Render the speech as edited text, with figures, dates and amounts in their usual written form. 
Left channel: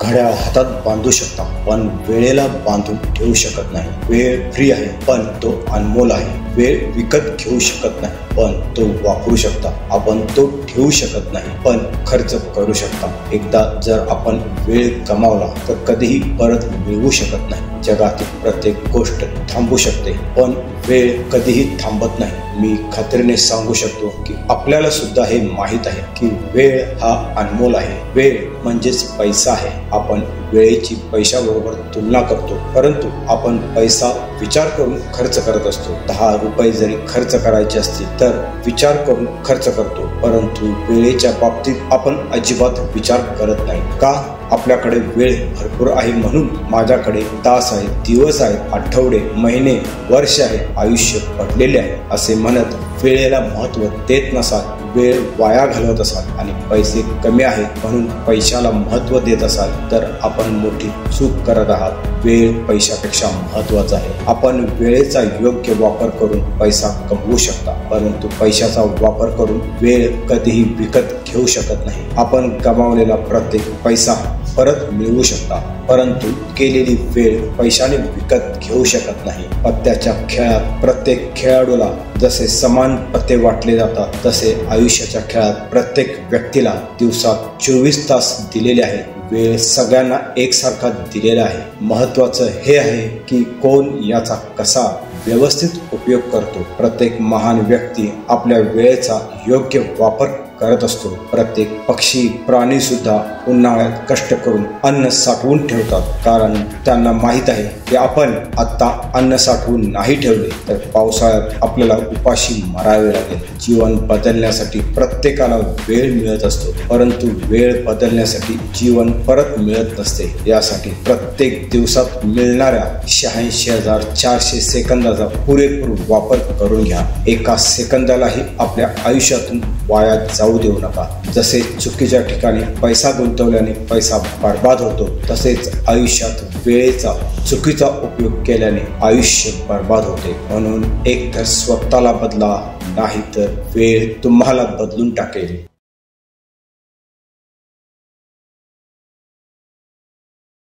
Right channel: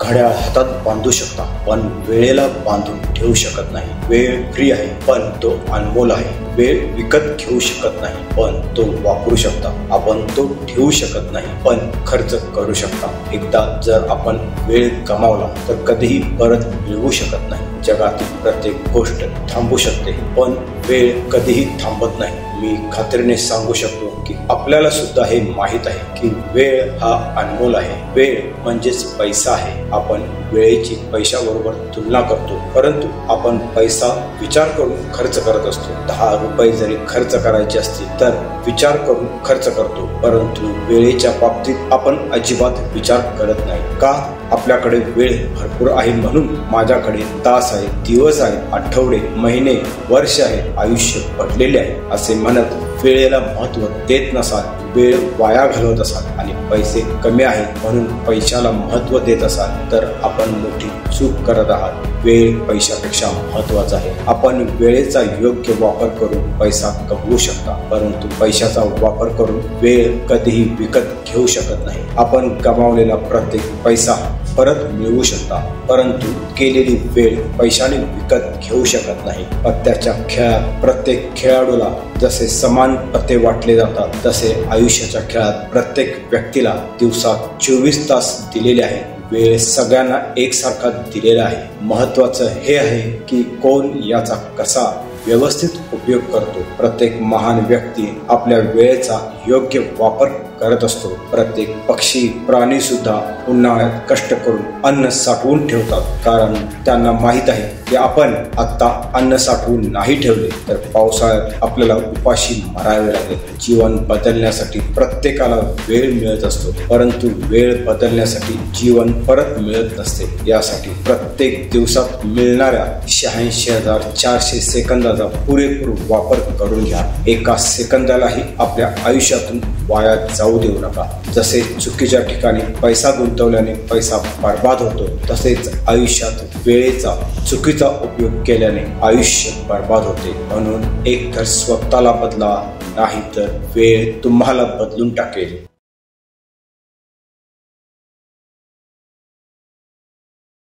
घड्याळ हातात बांधू शकता, पण वेळेला बांधून ठेवू शकत नाही. वेळ फ्री आहे, पण तो अनमोल आहे. वेळ विकत घेऊ शकत नाही, पण तो वापरू शकता. आपण तो ठेवू शकत नाही, पण खर्च करू शकता. एकदा जर आपण वेळ गमावला तर कधीही परत मिळवू शकत नाही. जगातील प्रत्येक गोष्ट थांबू शकते, पण वेळ कधीही थांबत नाही. मी खात्रीने सांगू शकतो की आपल्याला सुद्धा हे माहीत आहे की वेळ हा अनमोल आहे. वेळ म्हणजेच पैसा आहे. आपण वेळेची पैशाबरोबर तुलना करतो, परंतु आपण पैसा विचार करून खर्च करत असतो. 10 रुपये जरी खर्च करायचे असतील तर विचार करून खर्च करतो, परंतु वेळेच्या बाबतीत आपण अजिबात विचार करत नाही. का? आपल्याकडे वेळ भरपूर आहे म्हणून. माझ्याकडे तास आहे, दिवस आहे, आठवडे, महिने, वर्ष आहे, आयुष्य पडलेले आहे असे म्हणत वेळेला महत्त्व देत नसाल, वेळ वाया घालवत असाल आणि पैसे कमी आहेत म्हणून पैशाला महत्त्व देत असाल तर आपण मोठी चूक करत आहात. वेळ पैशापेक्षा महत्त्वाचा आहे. आपण वेळेचा योग्य वापर करून पैसा कमवू शकता, परंतु पैशाचा वापर करून वेळ कधीही विकत घेऊ शकत नाही. आपण गमावलेला प्रत्येक पैसा परत मिळवू शकता, परंतु केलेली वेळ पैशाने विकत घेऊ शकत नाही. पत्त्याच्या खेळात प्रत्येक खेळाडूला जसे समान पत्ते वाटले जातात, तसे आयुष्याच्या खेळात प्रत्येक व्यक्तीला दिवसात 24 तास दिलेले आहेत. वेळ सगळ्यांना एकसारखा दिलेला आहे. महत्वाचं हे आहे की कोण याचा कसा व्यवस्थित उपयोग करतो. प्रत्येक महान व्यक्ती आपल्या वेळेचा योग्य वापर करत असतो. प्रत्येक पक्षी, प्राणी सुद्धा उन्हाळ्यात कष्ट करून अन्न साठवून ठेवतात, कारण त्यांना माहित आहे की आपण आता अन्न साठवून नाही ठेवले तर पावसाळ्यात आपल्याला उपाशी मरावे लागेल. जीवन बदलण्यासाठी प्रत्येकाला वेळ मिळत असतो, परंतु वेळ बदलण्यासाठी जीवन परत मिळत नसते. यासाठी प्रत्येक दिवसात मिळणाऱ्या 86,400 सेकंदाचा पुरेपूर वापर करून घ्या. एका सेकंदालाही आपल्या आयुष्यातून वाया जाऊ देऊ नका. जसे चुकीच्या ठिकाणी पैसा गुंतवल्याने पैसा बर्बाद होतो, तसेच आयुष्यात वेळेचा चुकीचा उपयोग केल्याने आयुष्य बर्बाद होते. म्हणून एकतर स्वतःला बदला, नाही तर वेळ तुम्हाला बदलून टाकेल.